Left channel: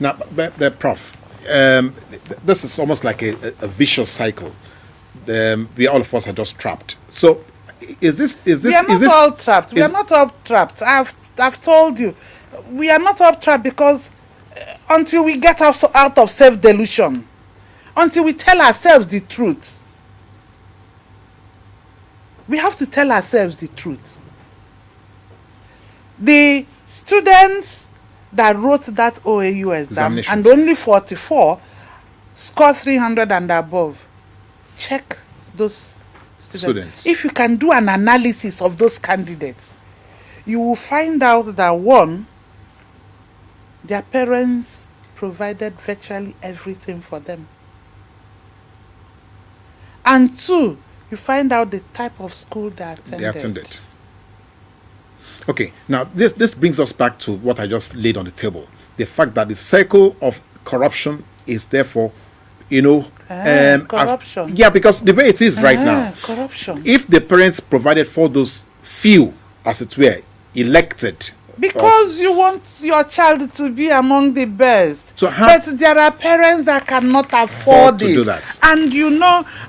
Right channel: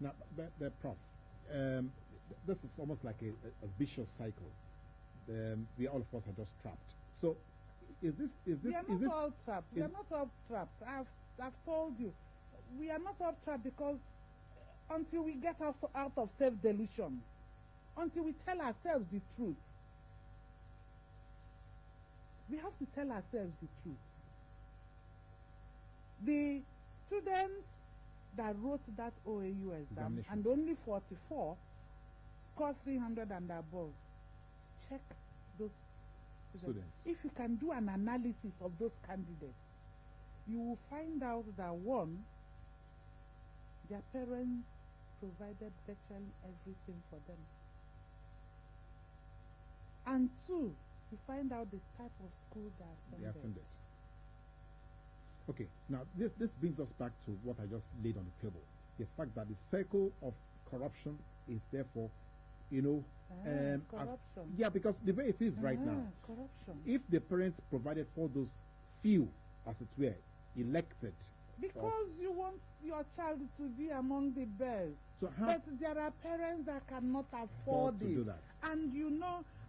Now, but Prof, this is almost like a vicious cycle. We all of us are just trapped. So, is this? We are not all trapped. We are not all trapped. I've told you, we are not all trapped because until we get out of self-delusion, until we tell ourselves the truth, we have to tell ourselves the truth. The students that wrote that OAU exam and only 44 scored 300 and above, check those students. If you can do an analysis of those candidates, you will find out that one, their parents provided virtually everything for them. And two, you find out the type of school they attended. Okay, now this brings us back to what I just laid on the table. The fact that the cycle of corruption is therefore, corruption. Because the way it is right now, corruption. If the parents provided for those few, as it were, elected, because you want your child to be among the best. But there are parents that cannot afford it. To do that. And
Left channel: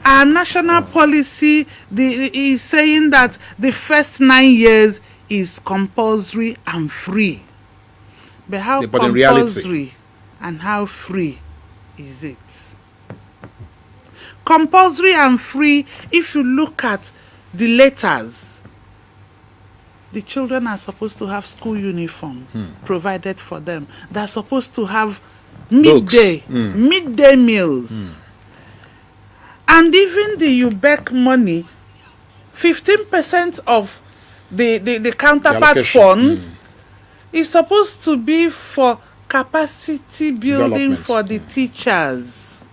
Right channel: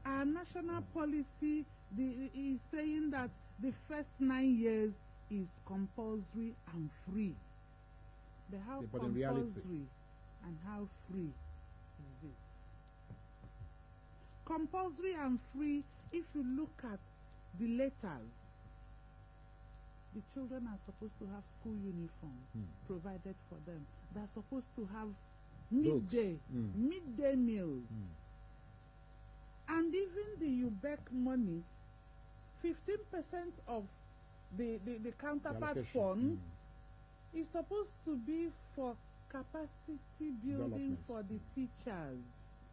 our national policy is saying that the first 9 years is compulsory and free. But how compulsory and how free is it? Compulsory and free, if you look at the letters, the children are supposed to have school uniform provided for them. They're supposed to have midday meals. And even the UBEC money, 15% of the counterpart funds is supposed to be for capacity building for the teachers.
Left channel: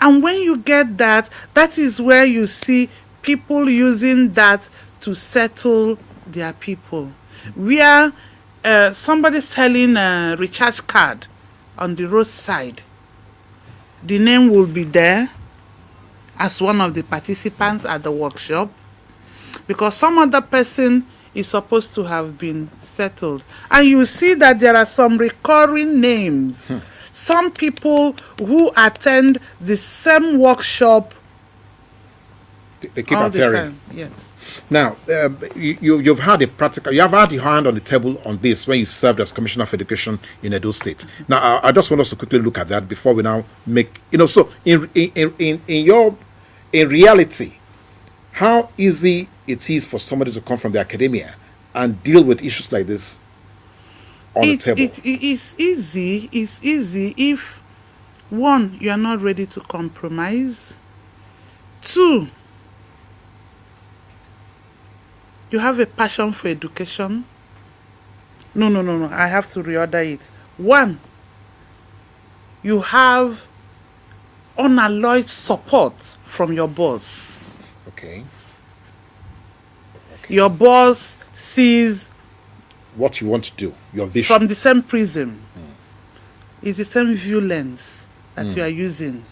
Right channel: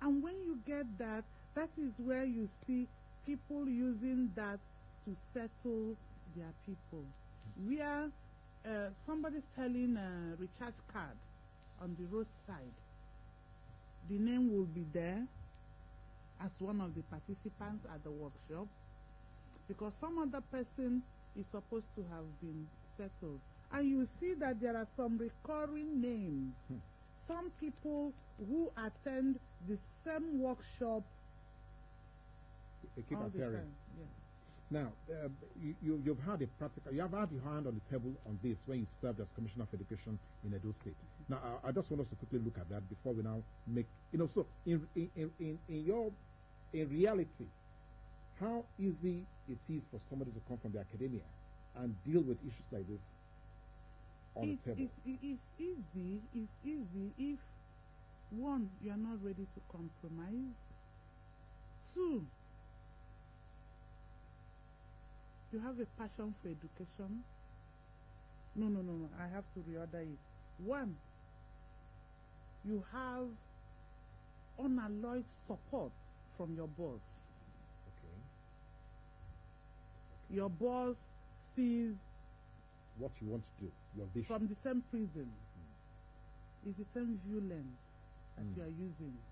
And when you get that, that is where you see people using that to settle their people. Where somebody selling a recharge card on the roadside, the name will be there as one of the participants at the workshop, because some other person is supposed to have been settled. And you see that there are some recurring names. Some people who attend the same workshop they keep all the adhering. time. Yes. Now, you've had you have had your hand on the table on this when you served as Commissioner of Education in Edo State. Now, I just want us to quickly look at that before we now make, so in reality, how easy it is for somebody to come from the academia and deal with issues like this on the table? It's easy. It's easy if, one, you are not ready to compromise. Two, you have a passion for education. No. I have to reorder it. One, you have unalloyed support from your boss. Okay. Your boss sees what you want to do, your vision. From the same prism. It's the same view lens that you are using.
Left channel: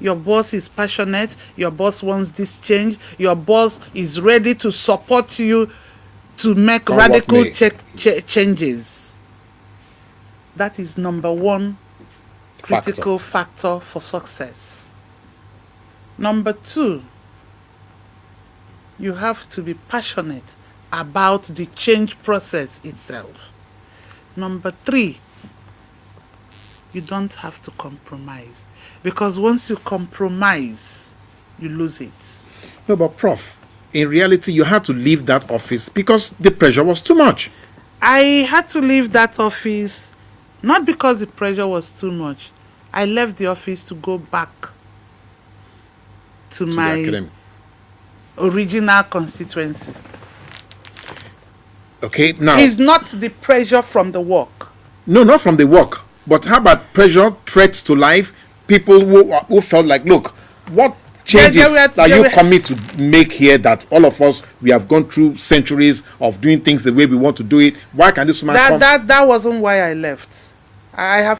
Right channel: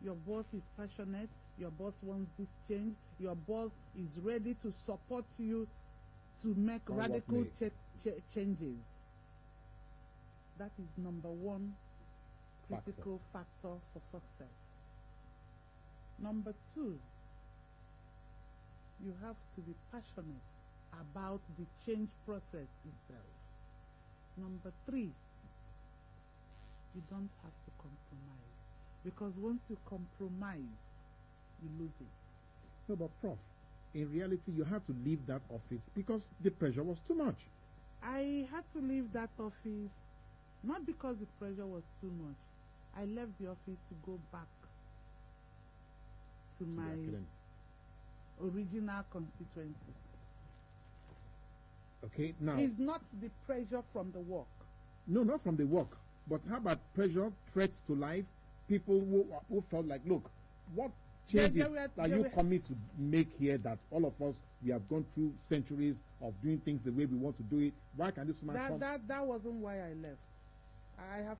Your boss is passionate. Your boss wants this change. Your boss is ready to support you to make radical changes. That is number one critical factor for success. Number two, you have to be passionate about the change process itself. Number three, you don't have to compromise. Because once you compromise, you lose it. No, but Prof, in reality, you had to leave that office because the pressure was too much. I had to leave that office not because the pressure was too much. I left the office to go back to my original constituency. Okay, now... It's not the pressure from the work. No, not from the work. But how about pressure, threats to life? People who felt like, look, what changes are you coming to make here that all of us, we have gone through centuries of doing things the way we want to do it? Why can this man come? That wasn't why I left. I have